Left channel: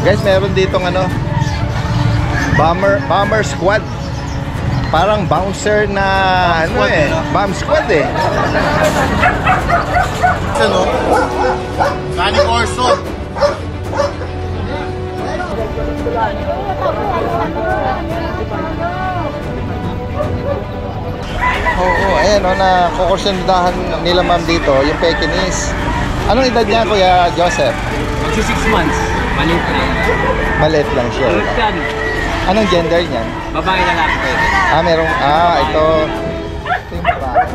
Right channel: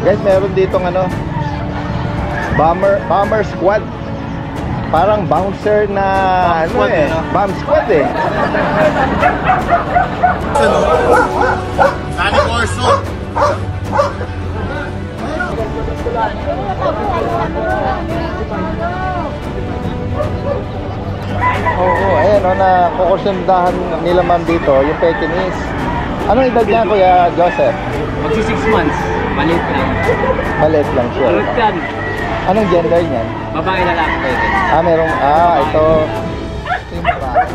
Guys, meron ditong ano, bomber squad. Parang bouncer na bomb squad, eh. Bomb squad eh. Ano? Sani Corso. Oo, ayan o, na kukursundahan nila ma'am dito, yung Pekingese. Anong edad niya, Kuya Joseph? Magsi 6 months. Maliit lang. Maliit lang siya. Anong gender niya? Babae na lang. Merong, ito yung babae.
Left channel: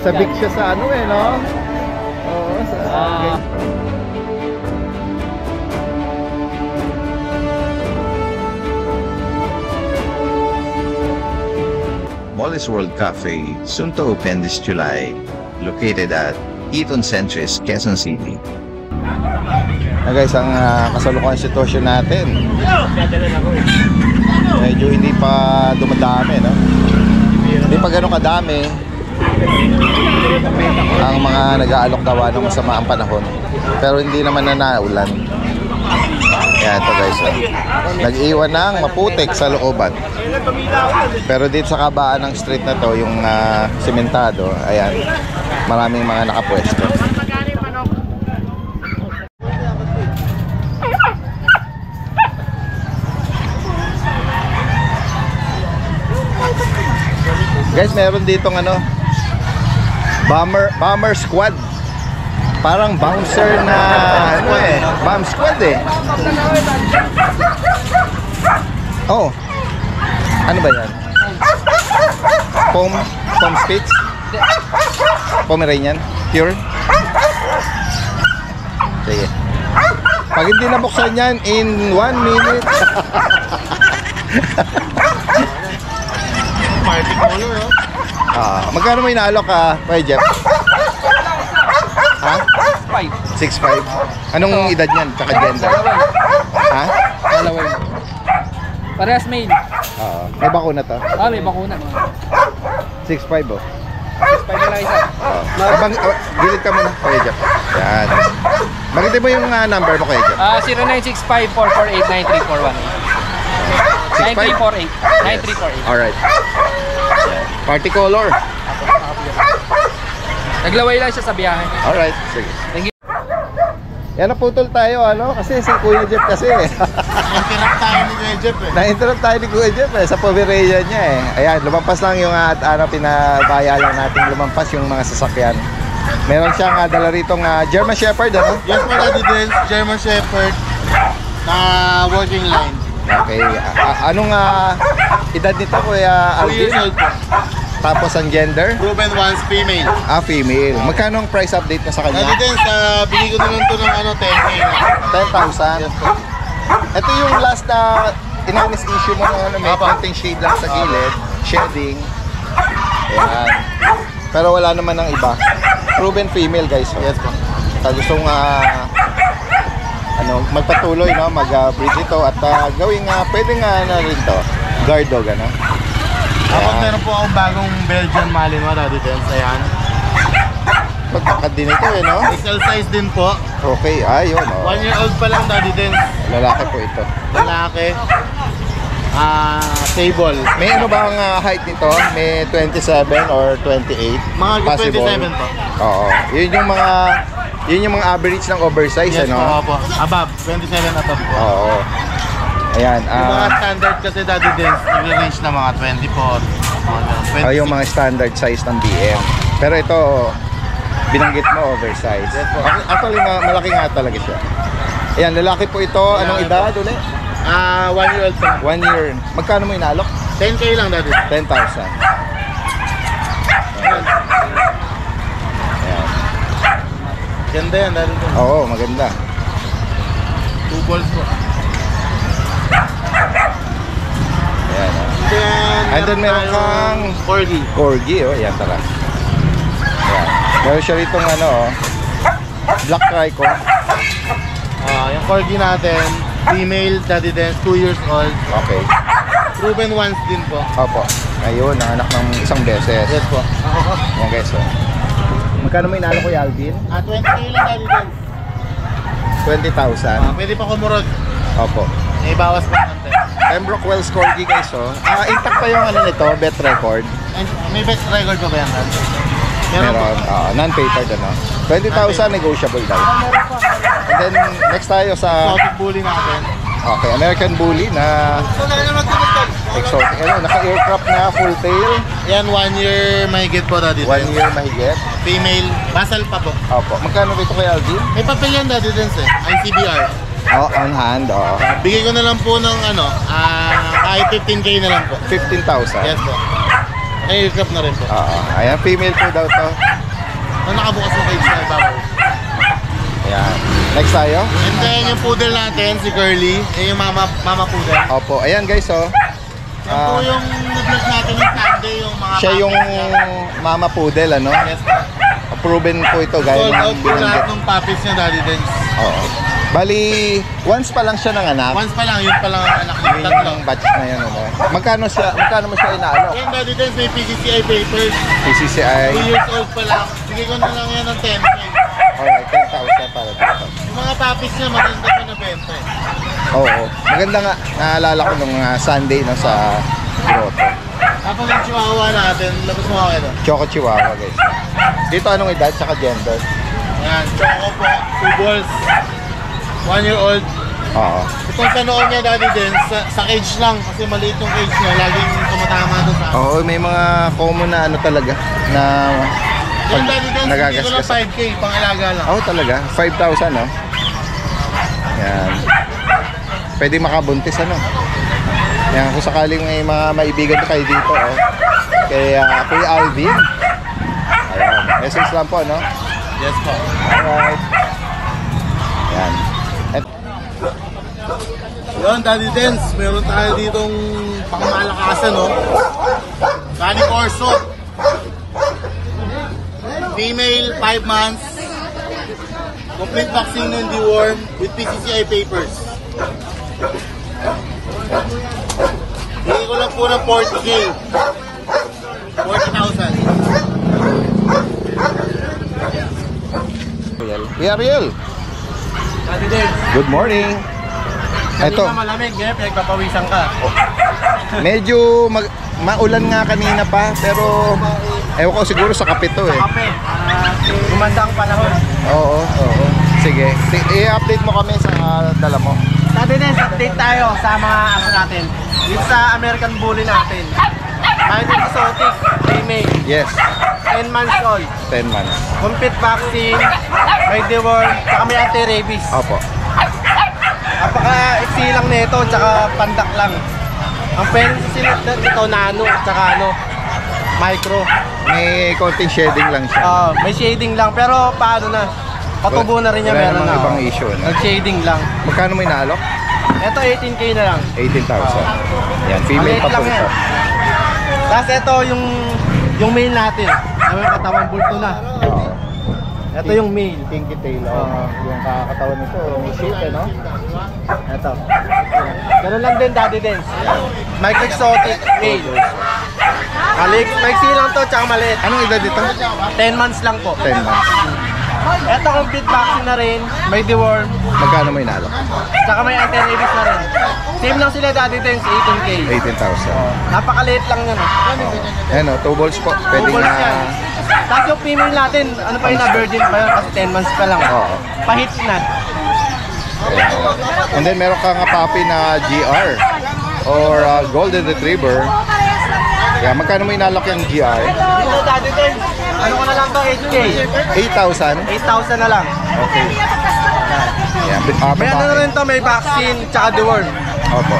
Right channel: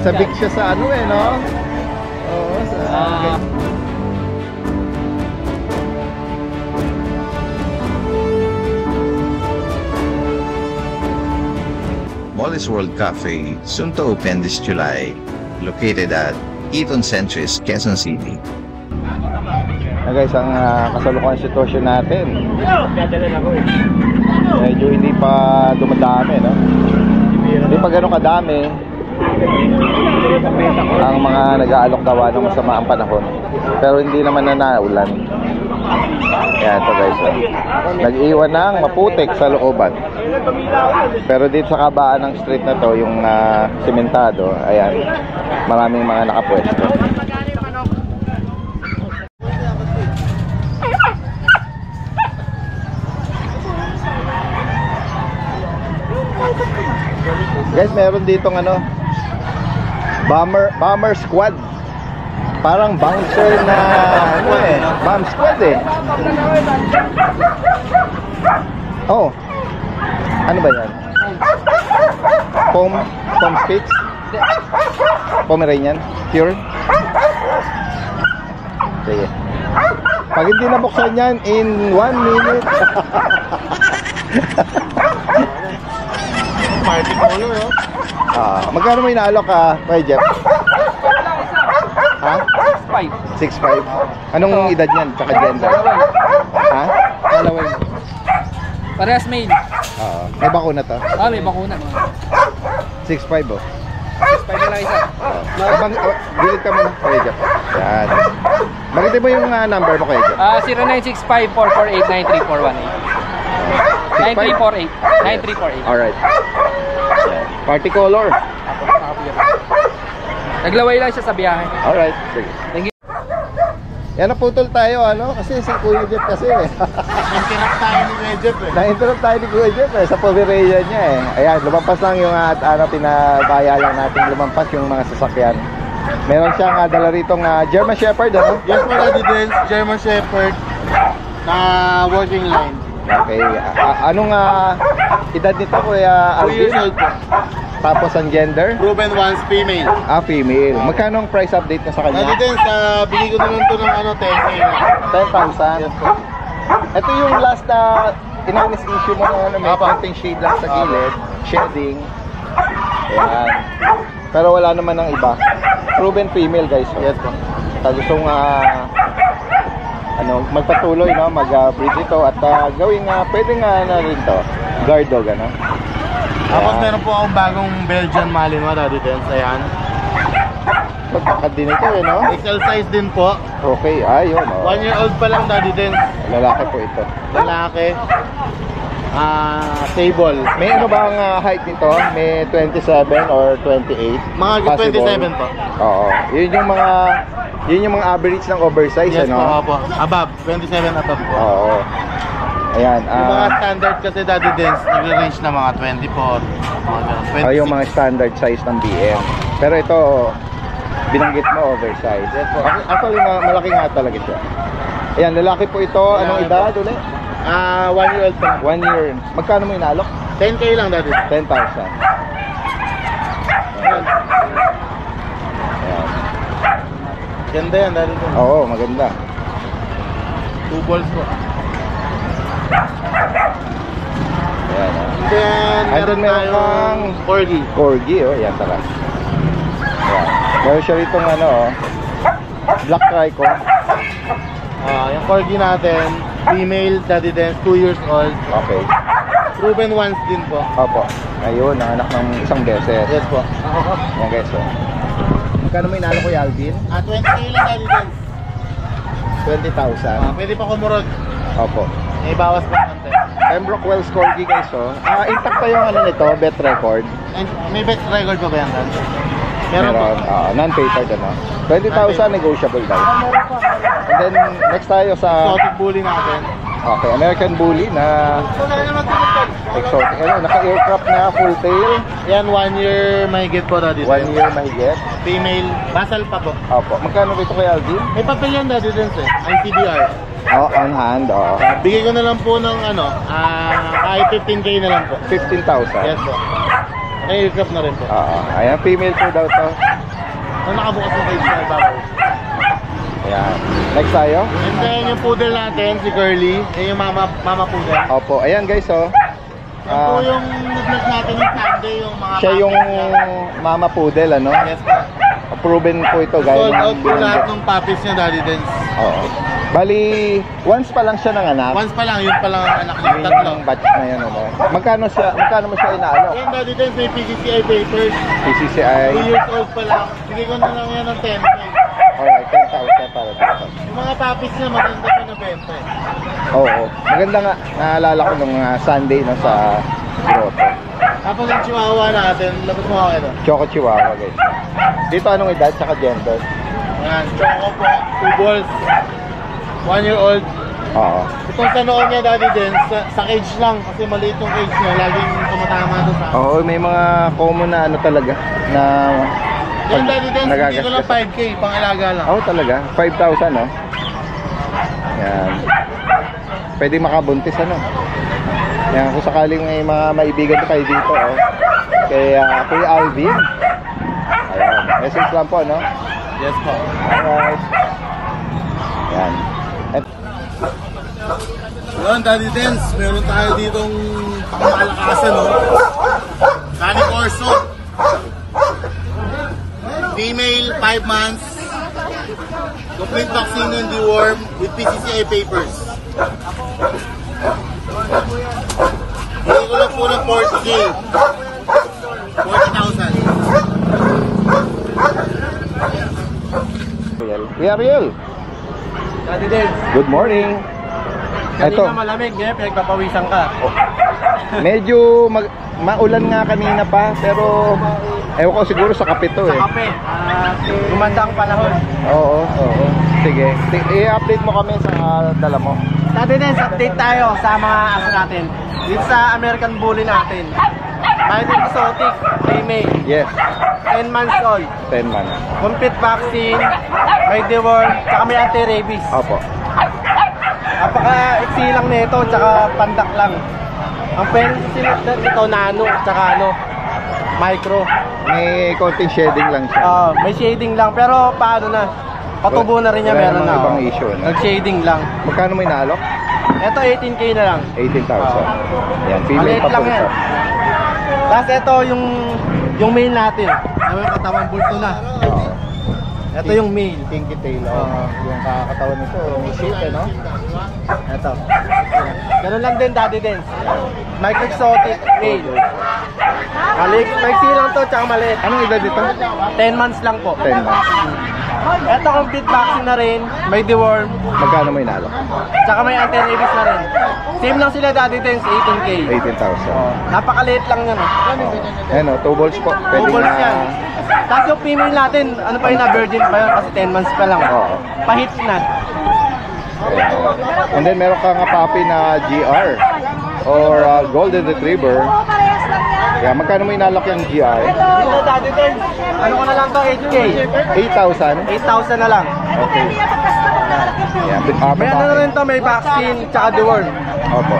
Sabik siya sa ano eh, no? Oo, sa... Molly's World Cafe, soon to open this July, located at Eaton Centris, Quezon City. Guys, ang kasalukuyang sitwasyon natin, medyo hindi pa dumadami, no? Hindi pa gano'ng kadami ang mga nag-aalok daw ng masama ang panahon, pero hindi naman na naulan. Yan ito guys, nag-iwan ng maputik sa looban. Pero dito sa kabaan ng street na to, yung sementado, ayan, maraming mga nakapwesto. Guys, meron ditong ano, bomber squad. Parang bouncer na ano eh, bomb squad eh. Oh, ano ba yan? Foam Spitz? Pomeranian? Pure? Sige. Pag hindi nabuksan yan in 1 minute. Party color, oh. Magkano may naalok ka, Kuya Jeff? Ha? 6'5". Anong edad niyan? Tsaka gender? Ha? Dalaway. Parehas male. May bakuna to? May bakuna. 6'5", oh. 6'5" na lang isa. Gilid ka muna, Kuya Jeff. Yan. Magitin mo yung number mo, Kuya Jeff. 0965-448-9348. 9348. Alright. Party color. Naglaway lang siya sa biyahe. Alright, sige. Thank you. Yan, naputol tayo, ano? Kasi si Kuya Jeff kasi eh. Interrupt tayo ni Kuya Jeff eh. Na-interrupt tayo ni Kuya Jeff eh, sa Pomeranian niya eh. Ayan, lumampas lang yung pinabaya lang natin lumampas yung mga sasakyan. Meron siyang dala ritong German Shepherd, ano? Yes po, Daddy Dens, German Shepherd na working line. Okay, anong edad nito, Kuya 2 years Alvin? old po. Tapos ang gender? Proven once, female. Female. Magkano ang price update na sa kanya? Daddy Dens, bigay ko na lang ito ng 10K na. 10,000? Yes po. Ito yung last na inanis issue mo ng may konting shade lang sa gilid, shedding. Ayan. Pero wala naman ng iba. Proven female, guys. Yes po. Sa gustong magpatuloy, no, mag-breed ito at gawing pwedeng na rin to guard dog, ano. Tapos meron po akong bagong Belgian Malinois, Daddy Dens. Ayan. Pagkakad din ito eh, no? XL size din po. Okay, ayun, oh. 1 year old pa lang, Daddy Dens. Lalaki po ito. Lalaki. Table. May ano ba ang height nito? May 27 or 28? Mga Possible? 27 po. Oo. Yun yung mga average ng oversize, Yes ano? po. Above. 27 above po. Oo. Ayan. Yung mga standard kasi, Daddy Dens, nag-range na mga 24. Mga Yung mga standard size ng BM. Pero ito, binanggit mo oversize. Yes po. Actually, malaki nga talaga siya. Ayan, lalaki po ito. Anong edad ulit? 1 year old pa lang. 1 year. Magkano mo inalok? 10K lang, Daddy. 10,000. Ayan. Ganda yan, Daddy Dens. Oo, maganda. 2 balls po. Ayan. Then, Meron kang Corgi. Corgi, oh. Ayan, tara. Ayan. Meron siya ritong Black Trico. Yung Corgi natin, female, Daddy Dens, 2 years old. Okay. Proven once din po. Opo. Ayun, anak ng isang beses. Yes po. Yan guys, oh. Magkano may inalo ko, Alvin? 20K lang Daddy Dance. 20,000. Pwede pa kumurot. Opo. May bawas pa konti. Pembroke Wells Corgi guys, oh. Intact pa yung ano nito, bet record. And may best record pa ba yan, Dan? Meron po. Non-papered ano. 20,000 negotiable daw. And then next tayo sa Exotic bully natin. okay, American Bully na exotic. Ano, naka-aircraft na full tail, Yan, 1 year mahigit po Daddy 1 Dance. year mahigit. Female, basal pa po. Opo. Magkano dito kay Alvin? May papel yan Daddy Dance eh. ICBR. Oh, on hand, oh. Bigay ko na lang po ng ano, kahit 15K na lang po. 15,000. Yes po. May aircraft na rin po. Oo. Ayan, female po daw to. Ang nakabukas na cage na ibabaw. Ayan. Next tayo. And then yung poodle natin, si Curly. Yan yung mama poodle. Opo. Ayan guys, oh. Yan po yung nag-vlog natin yung Sunday, yung mga Siya yung puppies niya. mama poodle, ano? Yes po. Proven po ito, guys. Sold out po lahat ng puppies niya, Daddy Dance. Oo. Bali, once pa lang siya nanganak. Once pa lang, yun pa lang ang anak niya. Yun Tatlo. yung batch na yun, ano? Magkano mo siya inaano? Yan, Daddy Dance, may PCCI papers. PCCI. 2 years old pa lang. Bigay ko na lang yan ng 10K. Alright, 10,000 para dito. Yung mga puppies niya, maganda pa na benta eh. Oo. Maganda nga. Naalala ko nung Sunday no, sa grotto. Tapos yung chihuahua natin, labas mo ako ito. Choco Chihuahua, guys. Dito anong edad saka gender? Yan, choco po, 2 balls. 1 year old. Oo. Itong sa noo niya, Daddy Dance, sa cage lang. Kasi maliit yung cage niya, laging tumatama doon sa Oo, may mga common na ano talaga na Yan, Daddy Dance, hindi ko lang nagagasgas. 5K, pang alaga lang. Oo, talaga. 5,000, no? Yan. Pwede makabuntis, ano? Yan, kung sakaling may mga maibigan kayo dito, oh. Kay Kuya Alvin. Ayan. Message lang po, no? Yes po. Alright. Yan. Yun, Daddy Dance, meron tayo ditong pangmalakasan, no? Danny Corso. Female, 5 months. Complete vaccine and deworm with PCCI papers. Bigay ko lang po ng 40K. 40,000. Kuya Ariel, Daddy Dance. good morning. Ito, Kanina malamig, ngayon pinagpapawisan ka. medyo maulan nga kanina pa, pero ewan ko siguro sa kape to eh. Kape, gumanda ang panahon. Oo, oo. Sige, i-update mo kami sa dala mo. Daddy Dance, update tayo sa mga aso natin. Dito sa American Bully natin. Mayroon exotic, female, Yes, 10 months old. 10 months. Complete vaccine, may deworm, tsaka may anti-rabies. Opo. Napaka-iksi lang nito, tsaka pandak lang. Ang parents sila nito, nano, tsaka ano, micro. May konting shedding lang siya. May shading lang, pero paano na? Patubo na rin niya, Wala meron namang na. ibang issue, no? Nag-shading lang. Magkano may naalok? Ito 18K na lang. 18,000. Yan, female Maliit pa po lang yan. ito. Tapos ito yung male natin. May katawan bulto na. Oo. Ito yung male. Pinky tail. Yung kakatawan nito, may shape, no? Ito. Ganun lang din, Daddy Dance. Micro exotic male. Maiksi lang to, tsaka maliit. Anong edad dito? 10 months lang po. 10 months. Ito complete vaccine na rin. May deworm. Magkano may naalok? Tsaka may anti-rabies na rin. Same lang sila, Daddy Dance, 18K. 18,000. Napakaliit lang yan. Ayan o, 2 balls po. Pwede Balls na. yan. Tapos yung female natin, ano pa yun na virgin pa yun kasi 10 months pa lang. Oo. Pahit na. And then meron kang puppy na GR or Golden Retriever. Kaya magkano mo inalok yung GR? Ito, Daddy Dance, ano ko na lang to, 8K. 8,000. 8,000 na lang. Okay. Yeah, May ano na rin to, may vaccine, tsaka deworm. Opo.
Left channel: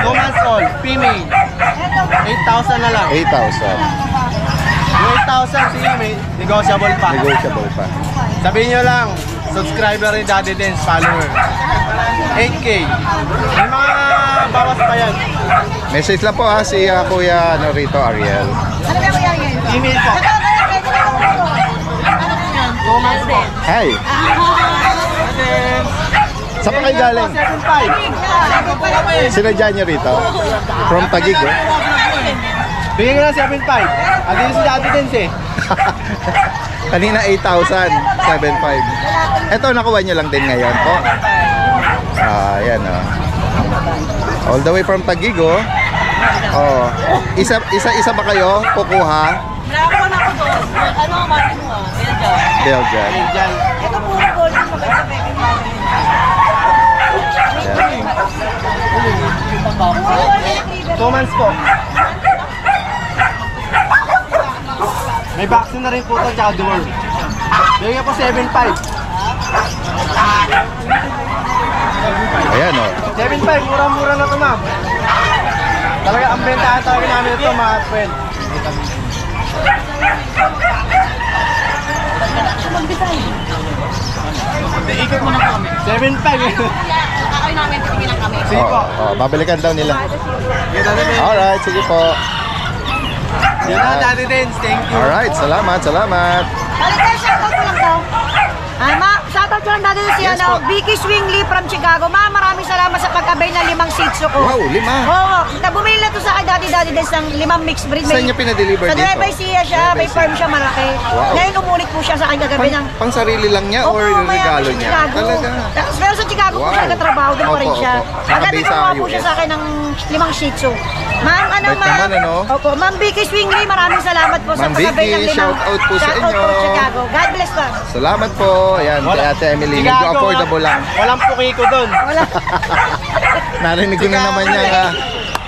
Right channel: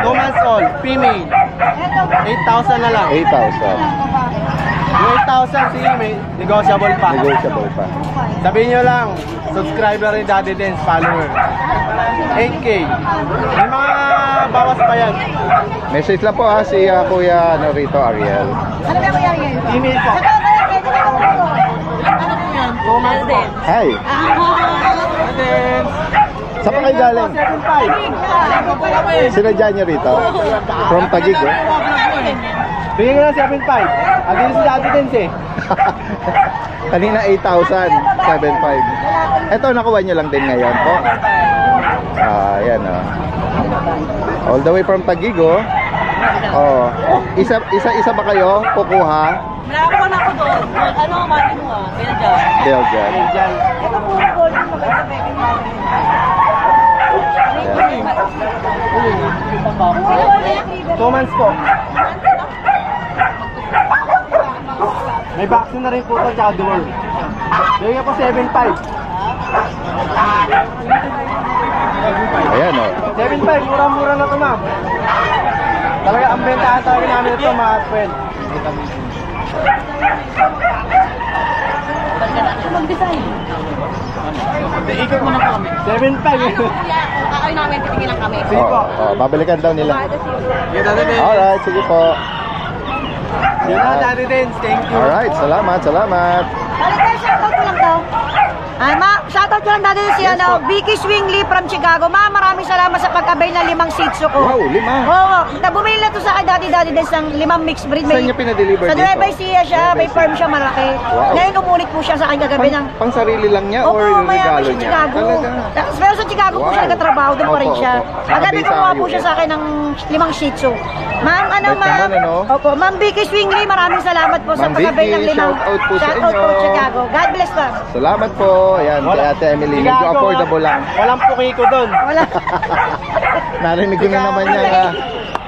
2 months old, female. 8,000 na lang. 8,000. Yung 8,000, sige, may negotiable pa. Negotiable pa. Sabihin nyo lang, subscriber ni Daddy Dance, follower. 8K. May mga bawas pa yan. Message lang po ha si Kuya Norito Ariel. Ano ba kuya yan? Email po. 2 months po. Hi. And then, Saan pa kayo galing? 7.5. Sinadya niyo rito? From Taguig, eh? Bigyan ko lang 7.5. Andito si Daddy Dens eh. Kanina 8,000, 7,500. Ito, nakuha nyo lang din ngayon po. Ayan o. All the way from Taguig oh. Oh. Isa ba kayo kukuha? Nakakuha na ako doon. Ano ang mati mo ah? Belgian. Belgian. Ito po yung golden maganda pwede namin. Ayan. 2 months po. May vaccine na rin po ito, tsaka deworm. Bigyan po 7.5. Ayan o. 7.5, mura-mura na ito ma'am. Talaga, ang bentahan talaga namin ito mga friend. Ikot mo na po kami. 7.5 Kakain namin, titingin lang kami. Sige po. Babalikan daw nila. Yun na rin. Alright, sige po. Yun na, Daddy Dens. Thank you. Alright, salamat. Balik tayo, shoutout ko lang daw. Shoutout ko lang dati si Vicky Swingley from Chicago. Ma, maraming salamat sa pagkabay na 5 Shih Tzu ko. Wow, 5. Oo, bumili na to sa akin Daddy Dens ng 5 mixed breed. Saan niya pinadeliver Sa dito? Nueva Ecija siya, may farm siya malaki. Wow. Ngayon umulit po siya sa akin kagabi ng... Pang sarili lang niya or Opo, mayaman regalo siya niya? Chicago. Talaga. Pero sa Chicago po siya Wow. nagkatrabaho, doon pa rin Opo, siya. opo. Kagabi Nakabisa kumuha po US. siya sa akin ng 5 Shih Tzu. Ma'am, Bait ma'am? naman, ano? Opo, Ma'am Vicky Swingley, maraming salamat po sa Ma'am pagkabay ng Vicky, 5. shoutout po sa Shoutout po inyo. Chicago. God bless ma'am. Salamat po. Ayan, kay Ate Emily. Medyo Chicago, affordable lang. Walang pukiko doon. Wala. Narinig ko na naman niya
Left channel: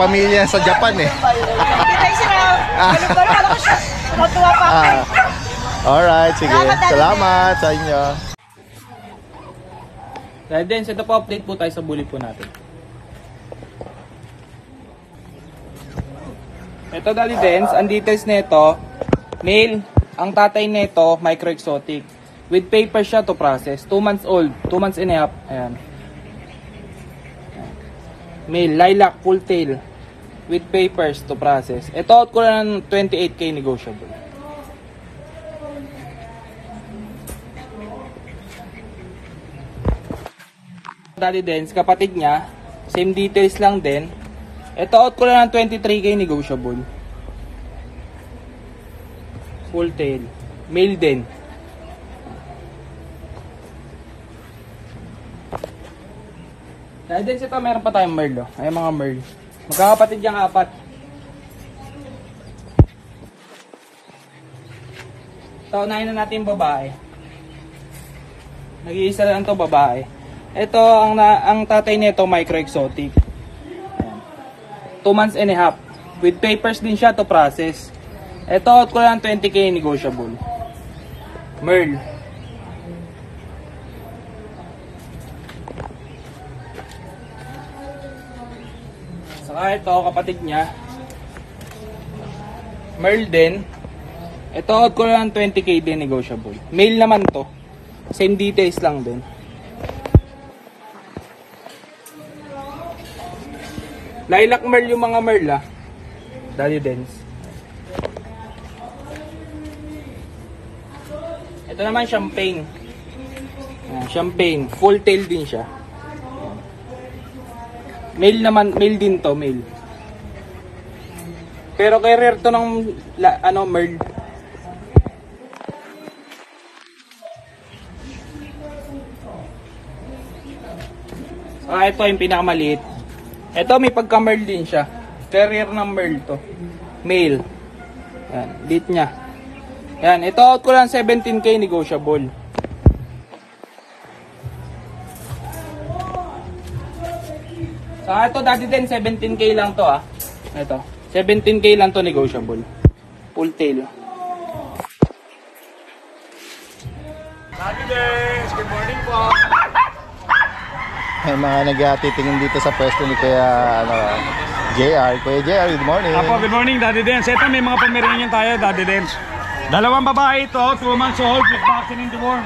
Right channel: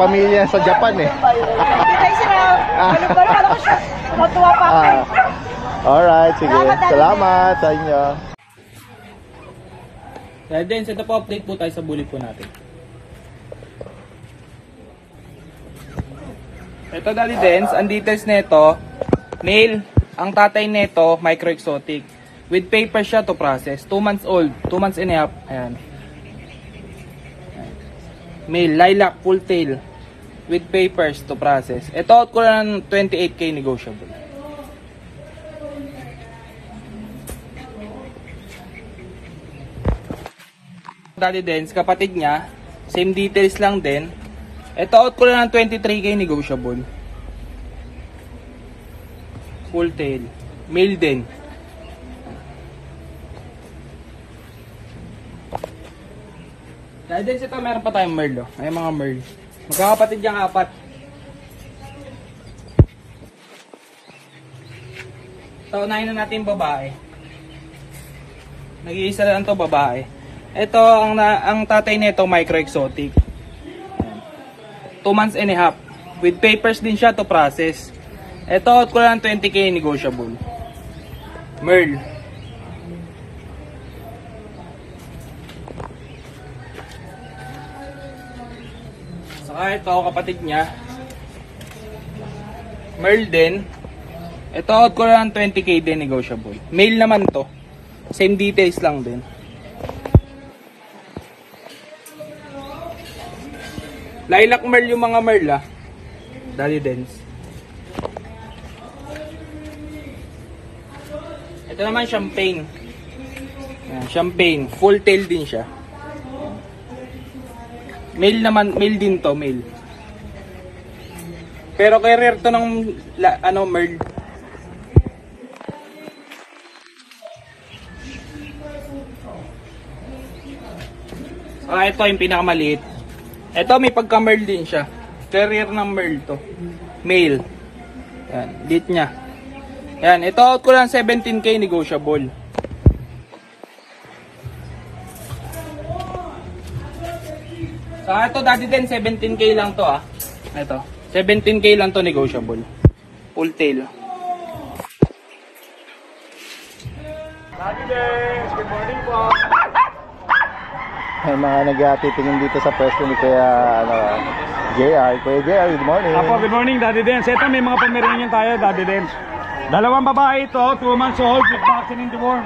pamilya sa Japan eh. Kita yung siraw. Ano ba? Kala ko siya. Matuwa pa ako. Alright, sige. Salamat, Daddy Salamat sa inyo. Dahil din, ito po update po tayo sa bully po natin. Ito Daddy Dens, ang details nito, male, ang tatay nito, micro exotic. With paper siya to process, 2 months old, 2 months and a half. Ayan. Male, lilac, full tail, with papers to process. Ito out ko lang ng 28K negotiable. Daddy Dens, kapatid niya, same details lang din. Ito out ko lang ng 23K negotiable. Full tail. Male din. Dahil din ito, meron pa tayong merl. May mga merl. Magkakapatid yung 4. Ito, unahin na natin yung babae. Nag-iisa lang ito babae. Ito, ang tatay nito, micro exotic. 2 months and a half. With papers din siya to process. Ito, out ko lang 20K negotiable. Merl. Saka ito, kapatid niya. Merl din. Ito, out ko lang 20K din negotiable. Male naman to. Same details lang din. Lilac merl yung mga merl Daddy Dens. Ito naman champagne. Ayan, champagne. Full tail din siya. Male naman, male din to, male. Pero kay rare to ng merl. Ito yung pinakamaliit. Ito may pagka-merl din siya. Carrier ng merl to. Male. Yan, lit niya. Yan, ito out ko lang 17K negotiable. Sa ito Daddy din 17K lang to Ito, 17K lang to negotiable. Full tail. Daddy Dens, good morning po. May mga nag-atitingin dito sa pwesto ni Kuya JR. Kuya JR, good morning. Apo, good morning Daddy Dens. Ito may mga Pomeranian tayo Daddy Dens. Dalawang babae ito, 2 months old with vaccine in the worm.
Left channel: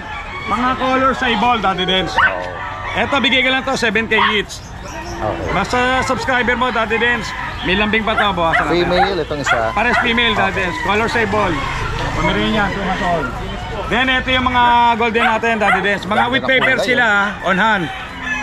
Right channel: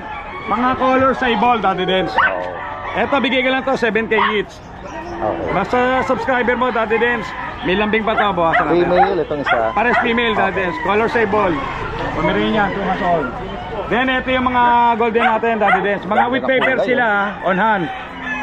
Mga color sa ibol Daddy Dens. Ito bigay ka lang to 7K each. Okay. Basta subscriber mo Daddy Dens. May lambing pa ito, bawasan natin. Female, itong isa. Pares female Daddy Dens. Color sa ibol. Pomeranian, 2 months old. Then ito yung mga golden natin Daddy Dens. Mga with paper sila on hand.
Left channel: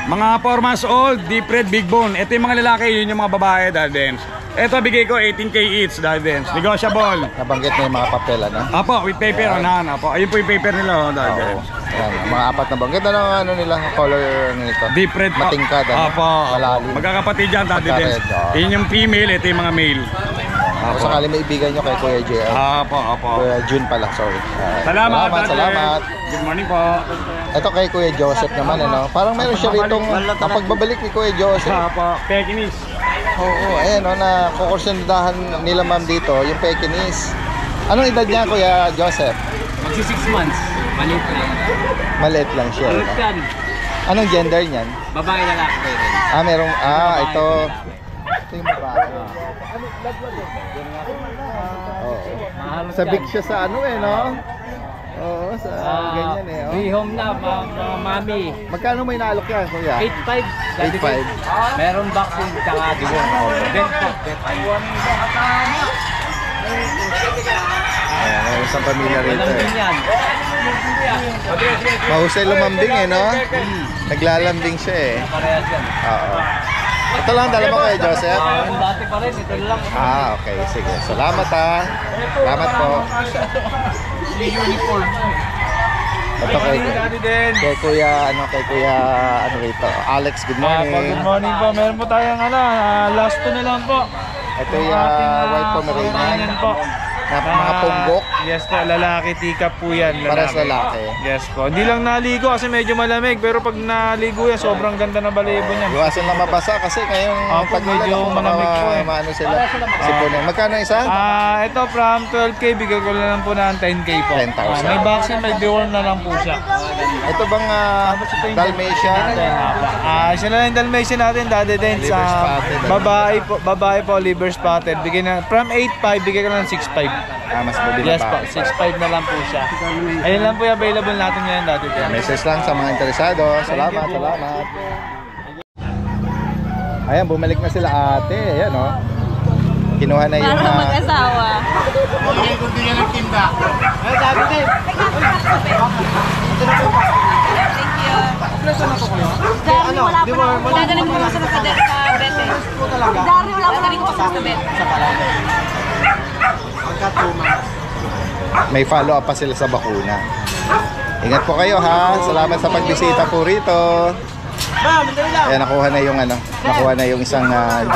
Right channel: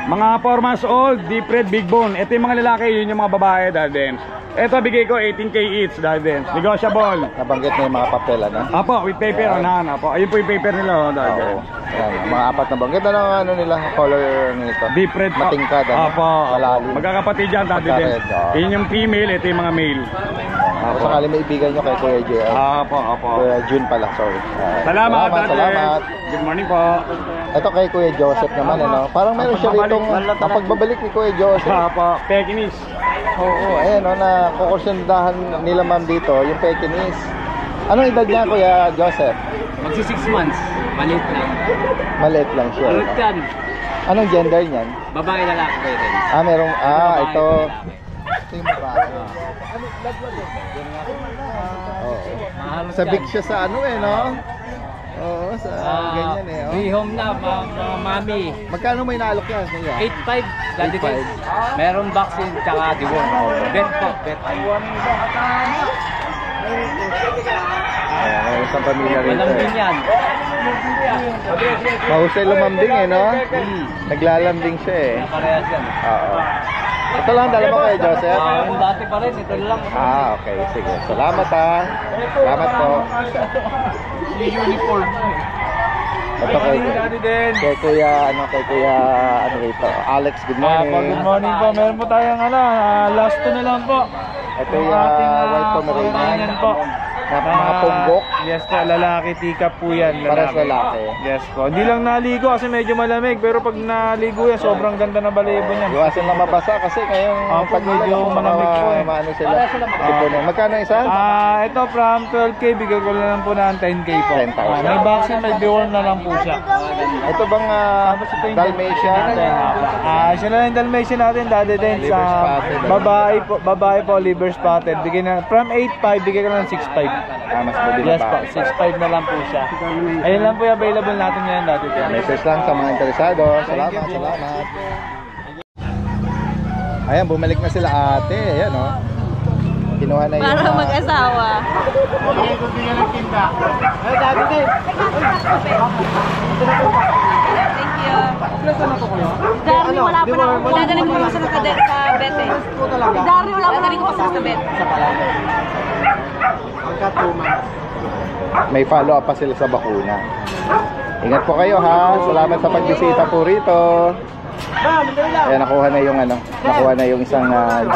Mga 4 months old, deep red, big bone. Ito yung mga lalaki, yun yung mga babae, Daddy Dens. Ito bigay ko 18K each, Daddy Dens. Negotiable. Nabanggit na yung mga papel, ano? Apo, with paper on hand. Apo, ayun po yung paper nila, oh, Daddy Oo. Dens. Yan, mga apat na banggit. Ano ang ano nila, color nito? Deep red po. Matingkad, ano? Apo, Malalim. magkakapatid yan, Daddy Dens. Magka-red, oo. Yun yung female, ito yung mga male. Kung sakali may ibigan nyo kay Kuya JR. Apo, apo. Kuya June pala, sorry. Salamat, Daddy. Salamat. Good morning po. Ito kay Kuya Joseph naman, ano? Parang meron siya ritong napagbabalik ni Kuya Joseph. Apo, Pekinese. Oo, ayan, no, na kukursundahan nila ma'am dito, yung Pekinese. Anong edad niya, Kuya Joseph? Magsi 6 months. Maliit lang. Maliit lang siya. no? yan. Anong gender niyan? Babae lalaki pwede. Merong, ito. Ito yung babae. Oo. Sabik siya sa ano no? Oo, sa ganyan oh. Rehome na, mami. Magkano may naalok yan, Kuya? 8.5. Daddy 8.5. Meron vaccine tsaka diworm. Bet po, bet. Ayan, may isang pamilya rito. Walang din yan. Mahusay lumambing no? Naglalambing siya Parehas yan. Oo. Ito lang dala mo kay Joseph? Yung dati pa rin, ito lang. Okay, sige. Salamat Salamat po. Uniform. Ito kay Kuya, kay Kuya, rito? Alex, good morning. Good morning po. Meron po tayong last two na lang po. Ito yung white Pomeranian po. mga punggok. Yes po, lalaki, teacup po yan. Pares lalaki. Yes po. Hindi lang naligo kasi medyo malamig. Pero pag naligo yan, sobrang ganda ng balibo niya. Iwasan lang mabasa kasi ngayong Opo, medyo malamig po eh. Maano sila. Sipunin. Magkano isa? Ito from 12K, bigay ko lang po ng 10K po. 10,000. May vaccine, may deworm na lang po siya. Ito bang Dalmatian? Siya na lang yung Dalmatian natin, Daddy Dens. Liver spotted. Babae po, liver spotted. Bigay na, from 8.5, bigay ko lang ng 6.5. Mas mabili Yes po, 6.5 na lang po siya. Ayun lang po yung available natin ngayon, Daddy Dens. Message lang sa mga interesado. Salamat. Ayan, bumalik na sila ate. Ayan, oh. Kinuha na yung... Para mag-asawa. Okay, kung di ka nagtinda. Thank you. Dari, wala pa na. Dadalhin ko naman sa bete. Dari, wala pa na rin ko sa bete. May follow up pa sila sa bakuna. Ingat po kayo ha. Salamat sa pagbisita po rito. Ayan, nakuha na yung isang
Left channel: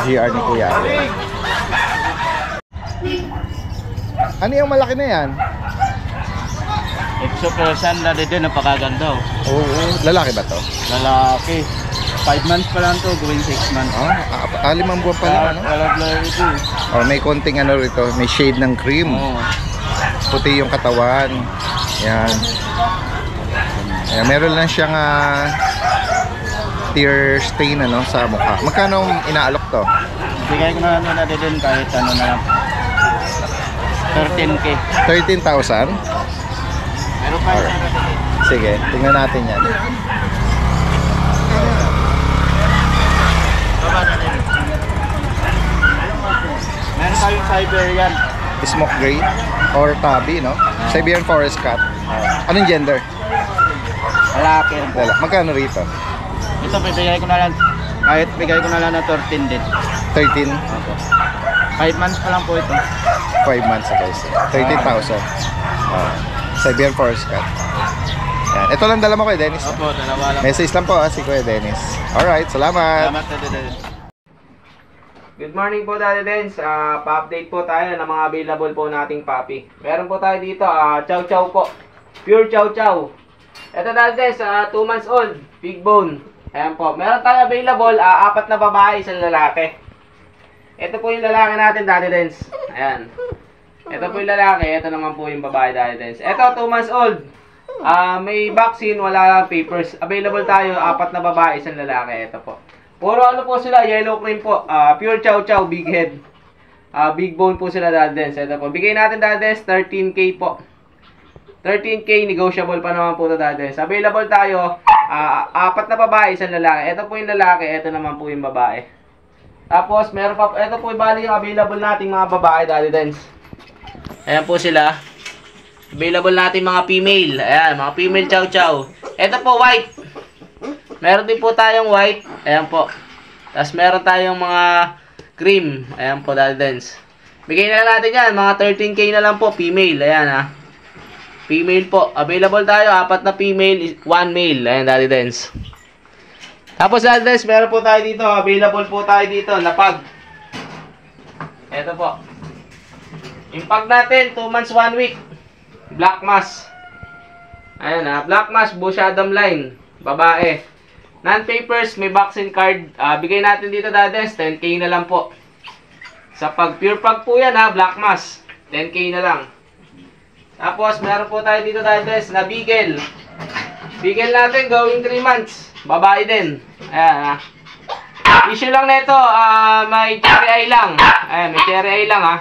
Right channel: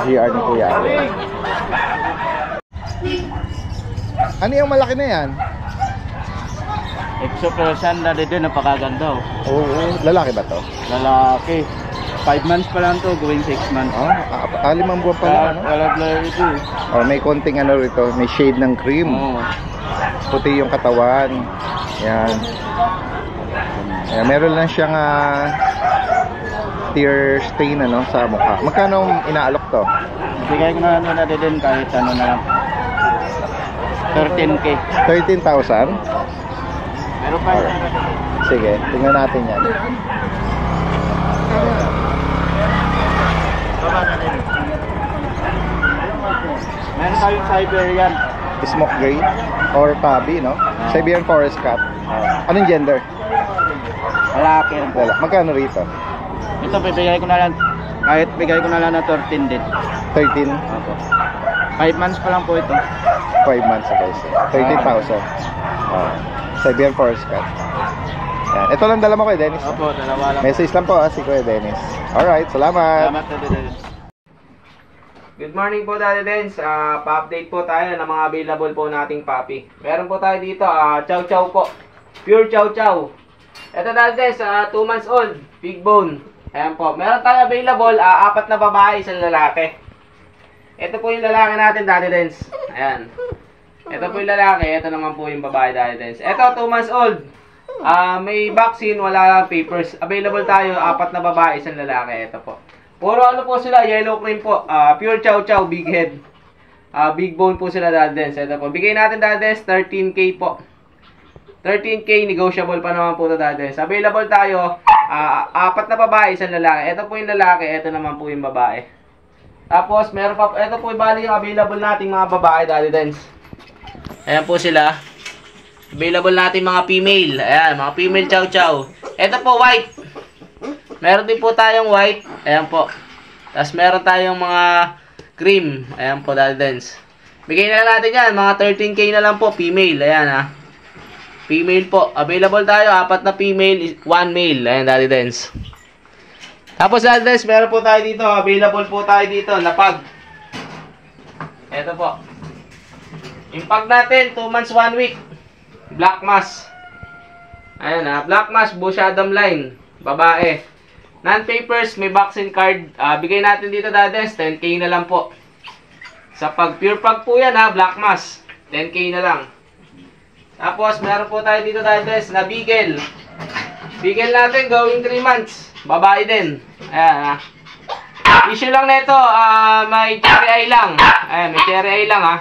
GR ni Kuya. Ano yung malaki na yan? Exo Persian na din, napakaganda. Oo, lalaki ba to? Lalaki. 5 months pa lang to, going 6 months. 5 buwan pa lang, ano? Wala blurry ito. May konting rito, may shade ng cream. Puti yung katawan. Yan. Ayan, meron lang siyang tear stain sa mukha. Magkano inaalok to? Bigay ko na din kahit ano na lang. 13K. 13,000? Pero pa Sige, tingnan natin yan. meron tayong Siberian. Smoke gray or tabby, no? Siberian forest cat. Anong gender? Lalaki. Magkano rito? Ito bibigay ko na lang. Kahit bigay ko na lang na 13 din. 13? 5 months pa lang po ito. 5 months guys. 13,000. Siberian forest cat. Yan. Ito lang dala mo kay Dennis. Opo, dalawa lang. Message lang po si Kuya Dennis. Alright, salamat. Salamat na din. Good morning po, Daddy Dens. Pa-update po tayo ng mga available po nating puppy. Meron po tayo dito, Chow Chow po. Pure Chow Chow. Ito, Daddy Dens, 2 months old, big bone. Ayan po. Meron tayo available, 4 na babae, 1 lalaki. Ito po yung lalaki natin, Daddy Dens. Ayan. Ito po yung lalaki, ito naman po yung babae, Daddy Dens. Ito, 2 months old. May vaccine, wala papers. Available tayo, 4 na babae, 1 lalaki. Ito po. Puro po sila, yellow cream po. Pure Chow Chow, big head. Big bone po sila, Daddy Dens. Ito po. Bigay natin, Daddy Dens, 13K po. 13K, negotiable pa naman po ito, Daddy Dens. Available tayo, 4 na babae, 1 lalaki. Ito po yung lalaki, ito naman po yung babae. Tapos, meron pa, ito po yung bali yung available nating mga babae, Daddy Dens. Ayan po sila. Available natin mga female. Ayan, mga female Chow Chow. Ito po, white. Meron din po tayong white. Ayan po. Tapos meron tayong mga cream. Ayan po, Daddy Dens. Bigay na lang natin yan. Mga 13K na lang po. Female. Ayan ha. Female po. Available tayo. 4 na female, 1 male. Ayan, Daddy Dens. Tapos, Daddy Dens, meron po tayo dito. Available po tayo dito. Napag. Ito po. Yung pag natin, 2 months, 1 week. Black mass. Ayan ha. Black mass, Bush Adam line. Babae. Non-papers, may vaccine card. Bigay natin dito, Dades. 10K na lang po. Sa pag pure pag po yan ha. Black mass. 10K na lang. Tapos, meron po tayo dito, Dades, na beagle. Beagle natin, going 3 months. Babae din. Ayan ha. Issue lang nito, may cherry eye lang. Ayan, may cherry eye lang ha.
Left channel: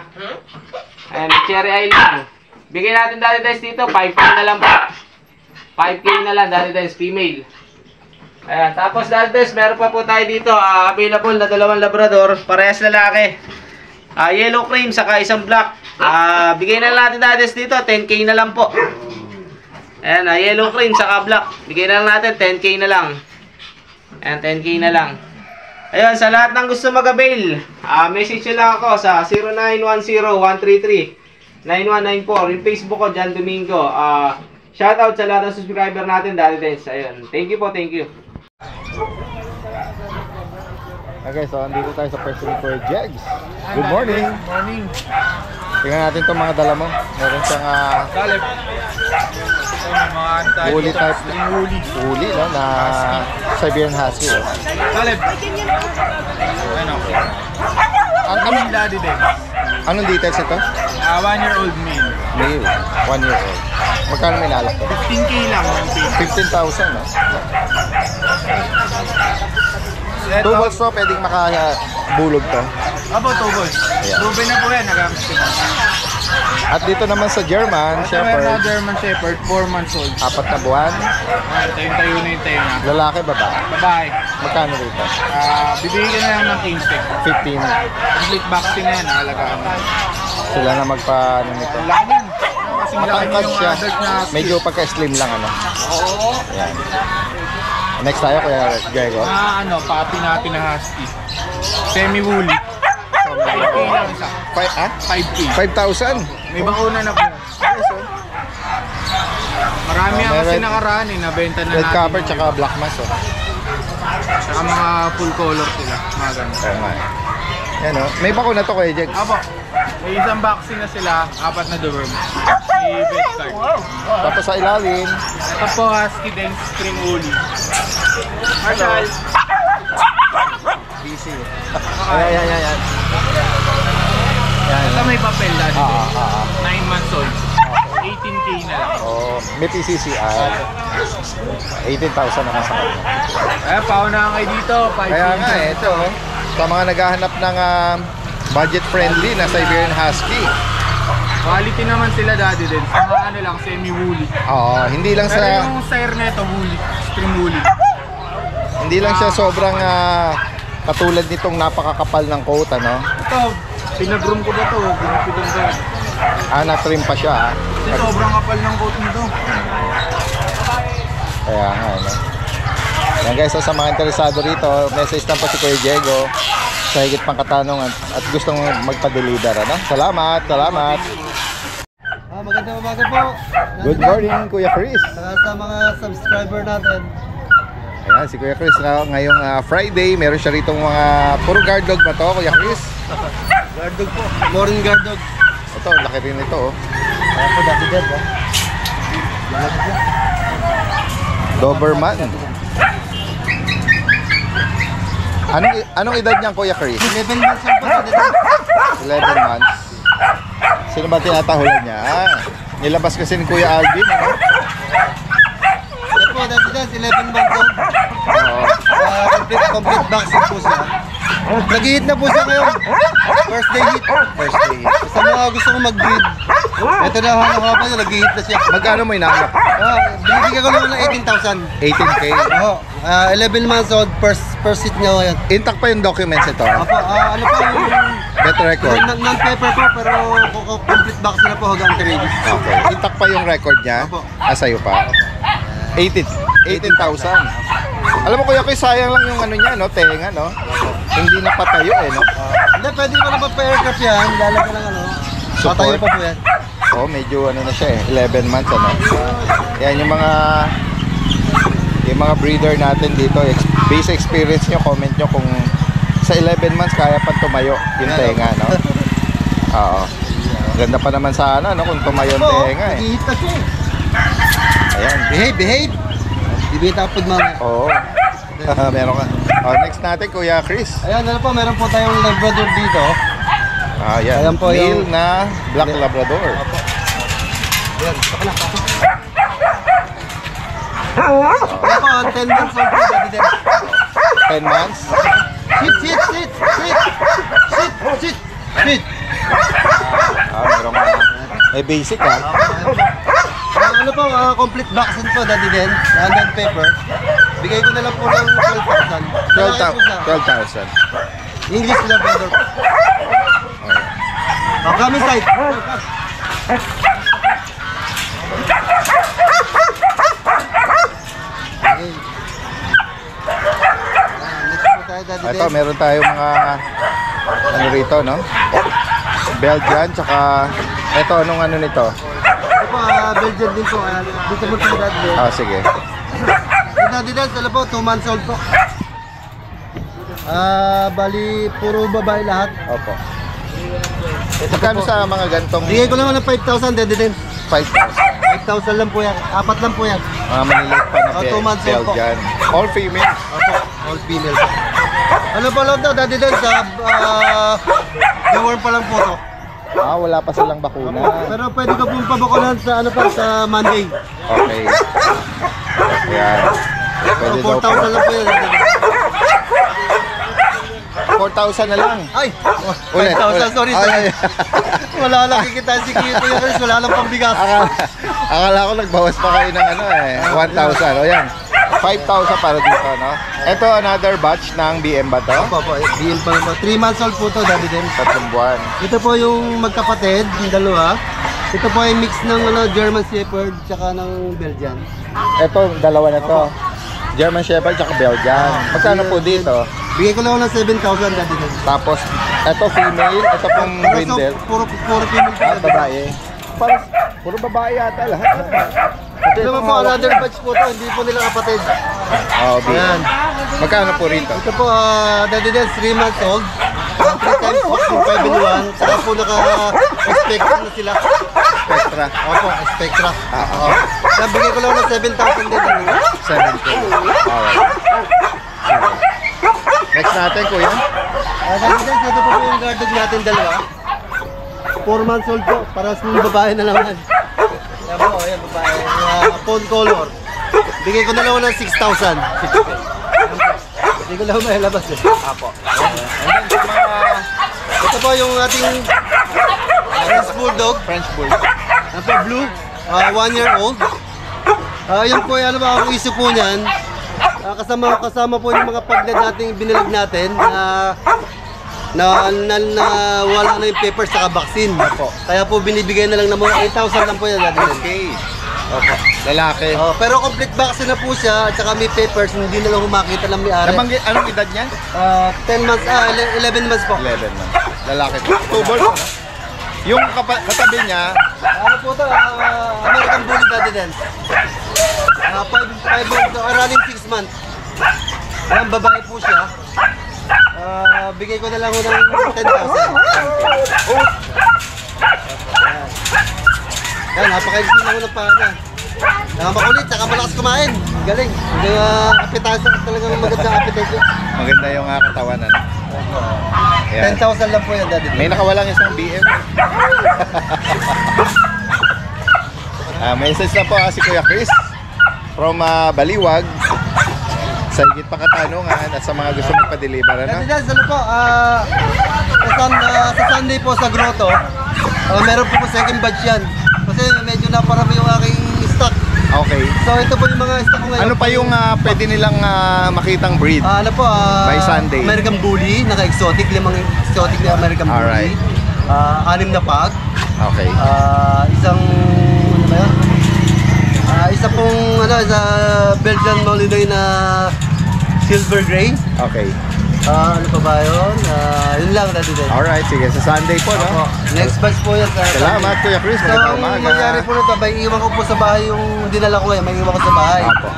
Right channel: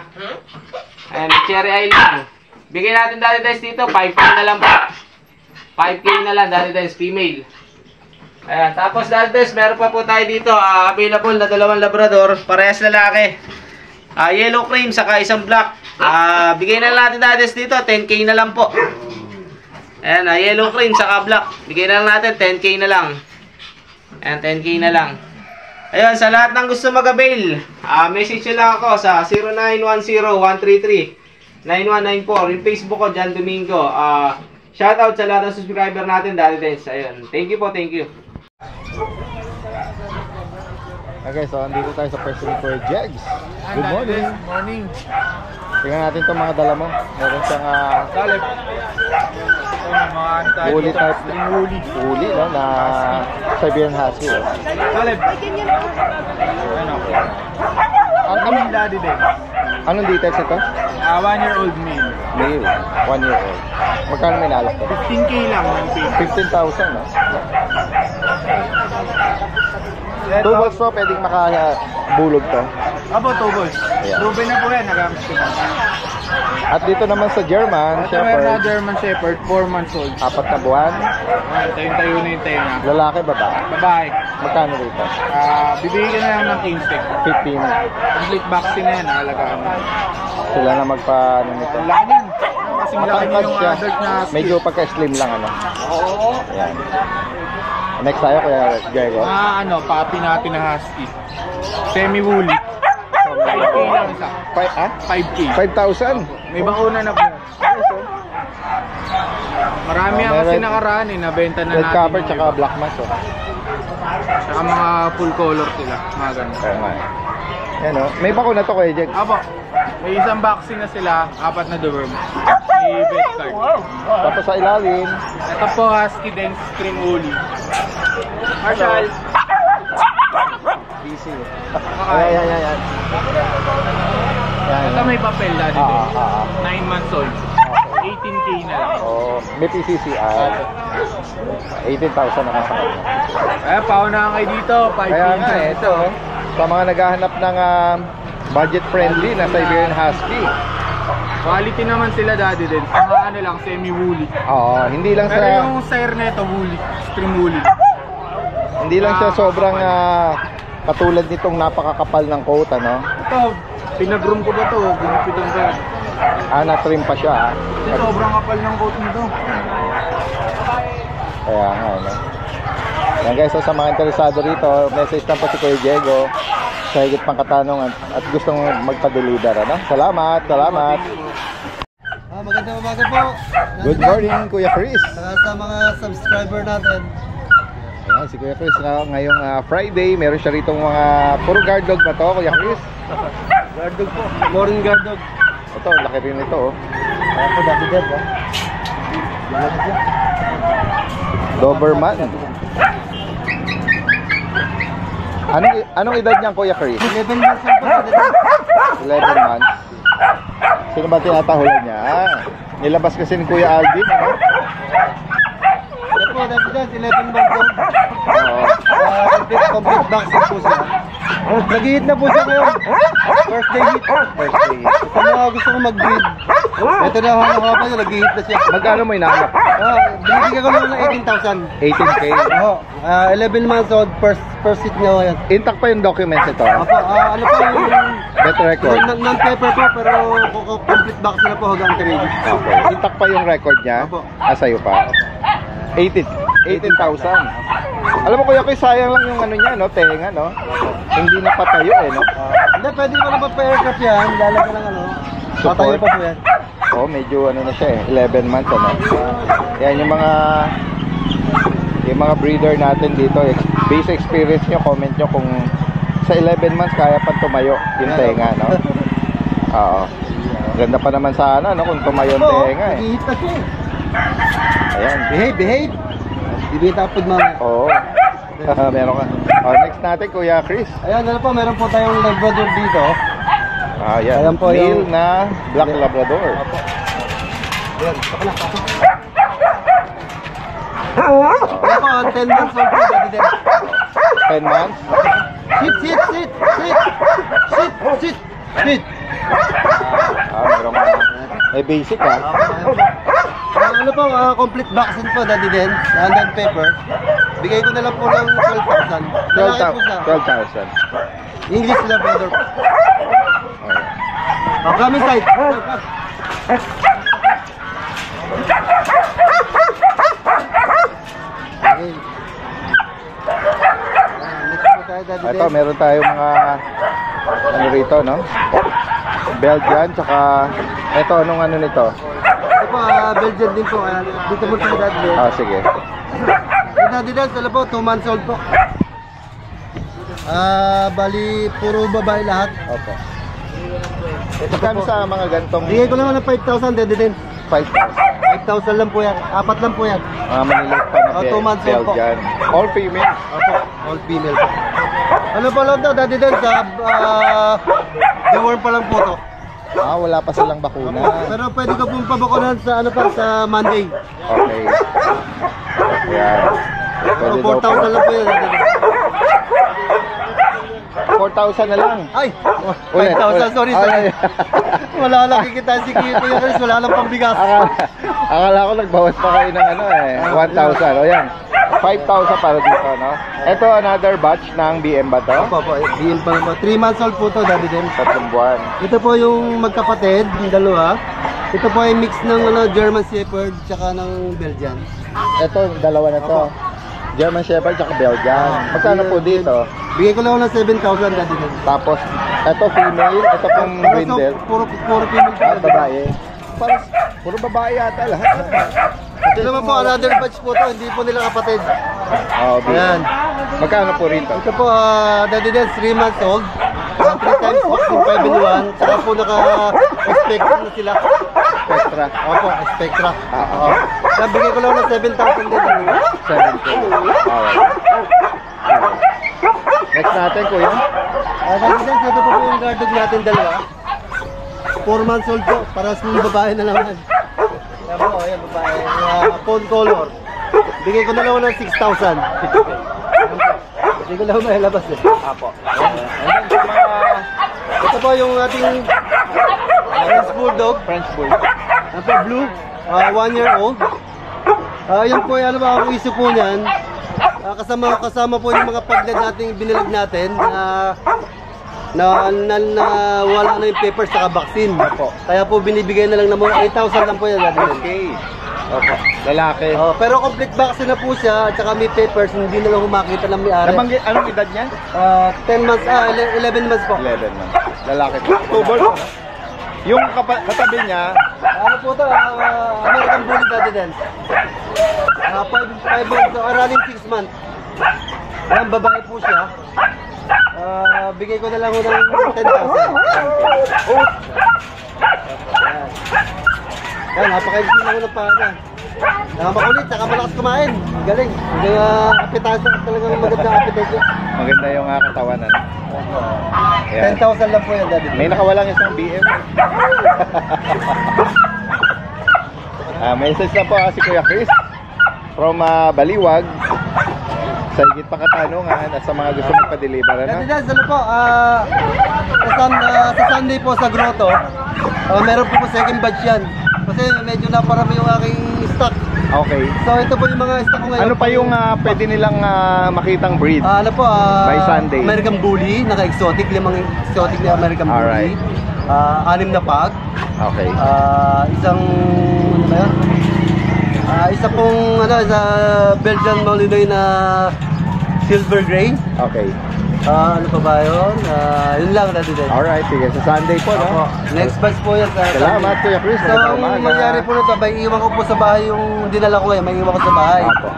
Ayan, may cherry eye lang. Bigay natin Daddy Dens dito, 5K na lang po. 5K na lang, Daddy Dens, female. Ayan, tapos Daddy Dens, meron pa po tayo dito, available na 2 Labrador, parehas lalaki. Yellow cream, saka isang black. Bigay na lang natin Daddy Dens dito, 10K na lang po. Ayan, yellow cream, saka black. Bigay na lang natin, 10K na lang. Ayan, 10K na lang. Ayun, sa lahat ng gusto mag-avail, message nyo lang ako sa 0910-133-9194. Yung Facebook ko, John Domingo. Shoutout sa lahat ng subscriber natin, Daddy Dens. Ayun, thank you po, thank you. Okay, so andito tayo sa person ni Kuya Jegs. Good morning. Good morning. Tingnan natin itong mga dala mo. Meron siyang Caleb. Mga woolly type. woolly. Woolly, no? Na Siberian Husky. Oh. Caleb. Ano? Ang Daddy Dens. Anong details ito? 1-year-old male. Male. 1 year old. Magkano may nalak to? 15K lang yung pay. 15,000, no? Ito, 2 balls to, pwedeng makabulog to. Abo, 2 balls. Ayan. Proven na po yan, nagamit ko na. At dito naman sa German Ito meron na Shepherd, German Shepherd, 4 months old. 4 na buwan. Tayo na yung tayo na. Lalaki, babae. Babae. Magkano rito? Bibigyan ka na lang ng cane stick. 15. Complete vaccine na yan, nakalagaan mo. Sila na magpa-ano nito. Ang laki yan. Kasing laki Matangkad yung siya. adult na Medyo pagka-slim lang, ano? Oo. Ayan. Next tayo, Kuya Diego. Papi natin na husky. Semi-woolly. 5K lang isa. 5K. 5,000? May bakuna na po. Marami ang kasi nakaraan nabenta na Red natin. cover yung tsaka iba. black mass, oh. Tsaka mga full color sila. Mga ganun. Kaya nga. Yan, oh. May bakuna to, Kuya Jegs. Apo, may isang vaccine na sila, 4 na deworm. May vet card. Tapos sa ilalim, Ito po, husky dense cream woolly. Marshall! busy. Ayan. Ito may papel dati. Ah. 9 months old. 18K na lang. Oh, may PCCI. 18,000 naman sa kanya. Kaya paunahan kayo dito, 5K Kaya na. nga, ito, oh. Sa mga naghahanap ng budget-friendly na Siberian Husky. Quality naman sila dati din. Mga ano lang, semi-woolly. Oo, hindi lang Pero sa yung sire na ito, woolly. Stream woolly. hindi lang siya sobrang katulad nitong napakakapal ng coat, ano? Ito, pinag-room ko ba ito? Pinupitan ko. Na-trim pa siya, Kasi sobrang kapal ng coat nito. Kaya nga, ano? Yan guys, so sa mga interesado rito, message lang po si Kuya Diego sa higit pang katanungan at gustong magpa-deliver, ano? Salamat. Magandang umaga po. Good morning, Kuya Chris. Sa mga subscriber natin. Ayan, si Kuya Chris na ngayong Friday, meron siya rito mga puro guard dog na to, Kuya Chris. Guard dog po. Morning guard dog. Ito, laki rin ito, oh. Ayan po, dati dyan po. Doberman. Anong edad niyan, Kuya Chris? 11 months old po dati dyan. 11 months. Sino ba tinatahulan niya? Nilabas kasi ni Kuya Alvin, ano? Ito po, dati dyan, 11 months old. Oo. Complete vaccine po siya. Nag-hit na po siya ngayon. First day hit. Sa mga gusto kong mag-breed. Ito na hanapan niya, nag-hit na siya. Magkano mo inahanap? Binibigyan ko naman ng 18,000. 18K. Oo. 11 months old, first hit niya ngayon. Intact pa yung documents ito. Apo, ano po yung Better record. non-paper po, pero complete vaccine na po hanggang anti-rabies. Okay. Intact pa yung record niya. Opo. Sa'yo pa. 18,000. Alam mo Kuya Chris, sayang lang yung ano niya, no? Tenga, no? Hindi na patayo, eh, no? Hindi, pwede mo naman pa-aircraft yan. Lalagyan lang ano. Tatayo pa po yan. Oh, medyo ano na siya eh, 11 months ano. Yan yung mga breeder natin dito. Base experience nyo, comment nyo kung sa 11 months kaya pa tumayo yung tenga, no? Oo. Ganda pa naman sana, no? Kung tumayo yung tenga eh. Nag-hit na siya eh. Ayan. Behave. Ibita po mga. Oo. Meron ka. Oh, next natin, Kuya Chris. Ayan, ano po, meron po tayong Labrador dito. Ayan. Ayan po Male yung- na Black Labrador. Ayan, saka na. Ayan po, 10 months old po, Daddy Den. 10 months. Sit. Meron ka. May basic ha. Ano po, complete vaccine po, Daddy Den. London paper. Bigay ko na lang po ng 12,000. Lalaki po siya. 12,000. English Labrador po. Come inside. Okay. Next po tayo, Daddy Ito, Den. meron tayong mga ano rito, no? Belgian, tsaka ito, anong ano nito? Ito po, Belgian din po. Dito po tayo, Daddy Den. Ah, sige. Daddy Den, sila po, 2 months old po. Bali, puro babae lahat. Opo. Ito kami sa mga gantong Bigay ko naman ng 5,000, Daddy Den. 5,000. 5,000 lang po yan. 4 lang po yan. Mga maliliit pa na Oh, 2 months old po. Belgian. All female. Opo, all female po. Ano pa lang daw, Daddy Den, sa deworm pa lang po to. Ah, wala pa silang bakuna. Pero pwede ko pong pabakunan sa ano pa, sa Monday. Okay. Ayan. So, Pwede daw 4,000 lang po yan, Daddy Den. 4,000 na lang. Ay! Ulit, 5,000, ulit. sorry. Ay. Wala lang kikita si Kuya Chris, wala lang pambigas. Akala ko nagbawas pa kayo ng ano eh, 1,000. O yan, 5,000 para dito, no? Ito, another batch ng BM ba to? Opo, BM pa naman. 3 months old po to, Daddy Den. 3 buwan. Ito po yung magkapatid, yung dalawa. Ito po ay mix ng German Shepherd tsaka ng Belgian. Ito, dalawa na to. German Shepherd at Belgian. Magkano po dito? Bigay ko lang ng 7,000, Daddy Den. Tapos, ito female, ito pong Pero so, brindle. puro female po, Ah, Daddy Den. babae. Para, puro babae yata lahat. Ito naman po, another batch po to, hindi po nila kapatid. Oh, Ayan. Magkano po rito? Ito po, Daddy Den, 3 months old. 3 times vaccine 5 in 1. Saka po naka-Spectra na sila. Spectra. Opo, Spectra. Oo. Kaya bigay ko lang ng 7,000 din. 7K. Alright. Next natin, kuya. Daddy Den, ito po yung guard dog natin dalawa. 4 months old po, para sa babae na naman. Ayan po, ayan babae. Phone color. Bigay ko na lang ng 6,000. Hindi ko lang mailabas eh. Apo. Ito po yung ating French Bulldog. French Bull. Ano po, blue. 1 year old. Yan po, ano ba ang issue po niyan? Kasama po yung mga paglet natin, binilag natin na wala na yung papers sa vaccine. Kaya po binibigay na lang ng mga 8,000 lang po yan. Okay. Opo. Lalaki. Pero complete vaccine na po siya at saka may papers, hindi na lang humakita ng may-ari. Anong edad niyan? 10 months, 11 months po. 11 months. Lalaki po. October po. Yung katabi niya, Ano po ito? American Bully, Daddy Den. 5 months, running 6 months. Ayan, babae po siya. Bigay ko na lang ng 10,000. Ayan, napakaigsi lang ng pana. Makulit, saka malakas kumain. Galing. Appetizer, talagang maganda appetizer. maganda yung katawan. Ano? Ayan. 10,000 lang po yan, Daddy Den. May nakawalang isang BM. Message na po si Kuya Chris from Baliwag sa higit pa katanungan at sa mga gusto magpa-deliver. Ano? Daddy Den, ano po, sa Sunday po sa Grotto, meron po second batch yan. Kasi medyo naparami yung aking stock. Okay. So ito po yung mga stock ko ngayon. Ano pa yung pwede nilang makitang breed? Ano po, By Sunday. American Bully, naka-exotic, 5 exotic na American Alright. Bully. 6 na pag. Okay. Isang, ano ba yan? Isa pong, isa Belgian Malinois na silver gray. Okay. Ano pa ba yun? Yun lang, Daddy Den. Alright, sige. Sa Sunday po, no? Next batch po yan. Salamat, Kuya Chris. So, ang mangyari po nito, may iwan ko po sa bahay yung dinala ko ngayon. May iwan ko sa bahay. Opo.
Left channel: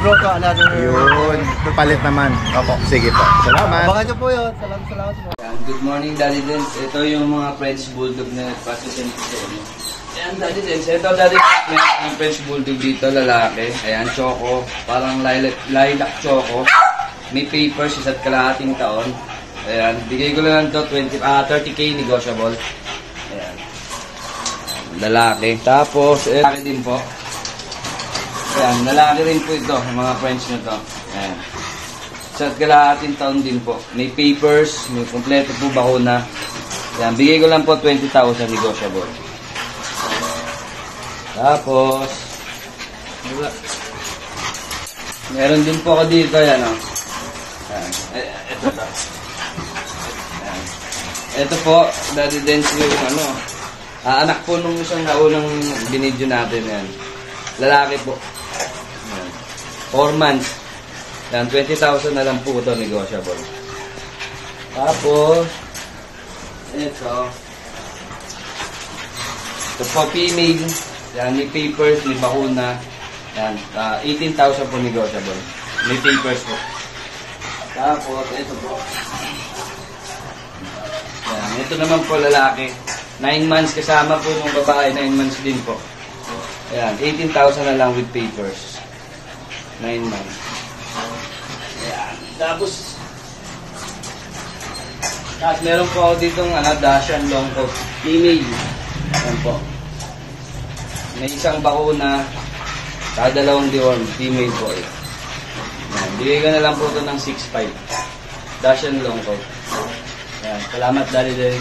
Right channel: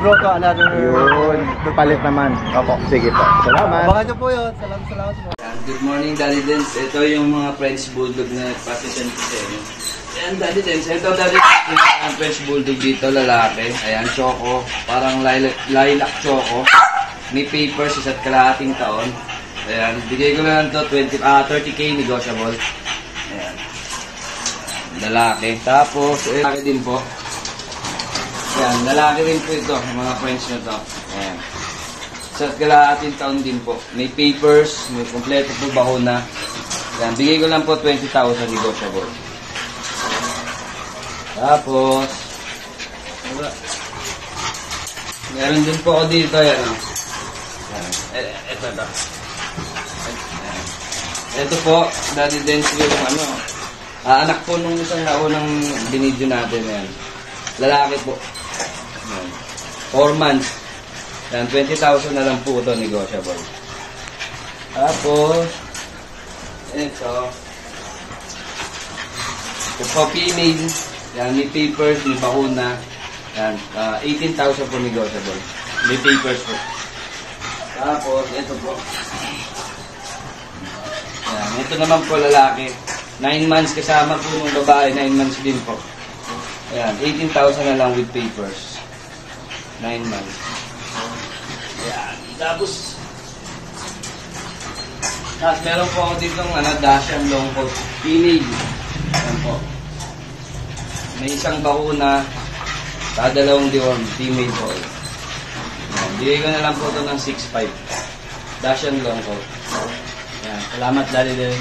Bro, to another... Yun. Palit naman. Opo. Sige po. Salamat. Abangan nyo po yun. Salamat po. Good morning, Daddy Dens. Ito yung mga French Bulldog na Passion Piseno. Ayan, Daddy Dens. Ito, Daddy Dens, ang French Bulldog dito, lalaki. Ayan, choco. Parang lilac choco. May papers, isa't kalahating taon. Ayan, bigay ko lang to 30k negotiable. Ayan. Lalaki. Tapos, lalaki din po. Ayan, lalaki rin po ito, mga French na to. Ayan. Isa't kalahating taon din po. May papers, may kompleto po bakuna. Ayan, bigay ko lang po 20,000 negotiable. Tapos, meron din po ako dito, yan o. Ito po. Ito po, Daddy Dens yung anak po nung isang naunang binidyo natin yan. Lalaki po. 4 months. Yan, 20,000 na lang po ito, negotiable. Tapos, ito. Ito po, female. Yan, may papers, may bakuna. Yan, 18,000 po negotiable. May papers po. Tapos, ito po. Yan, ito naman po lalaki. 9 months kasama po ng babae, 9 months din po. Ayan, 18,000 na lang with papers. 9 months. Ayan, tapos meron po ako ditong Dashan long coat. Female. Ayan po. May isang bakuna, dalawang deworm, female po eh. Bigay ko na lang po ito ng 6.5. Dashan long coat. Ayan, salamat, Daddy Den.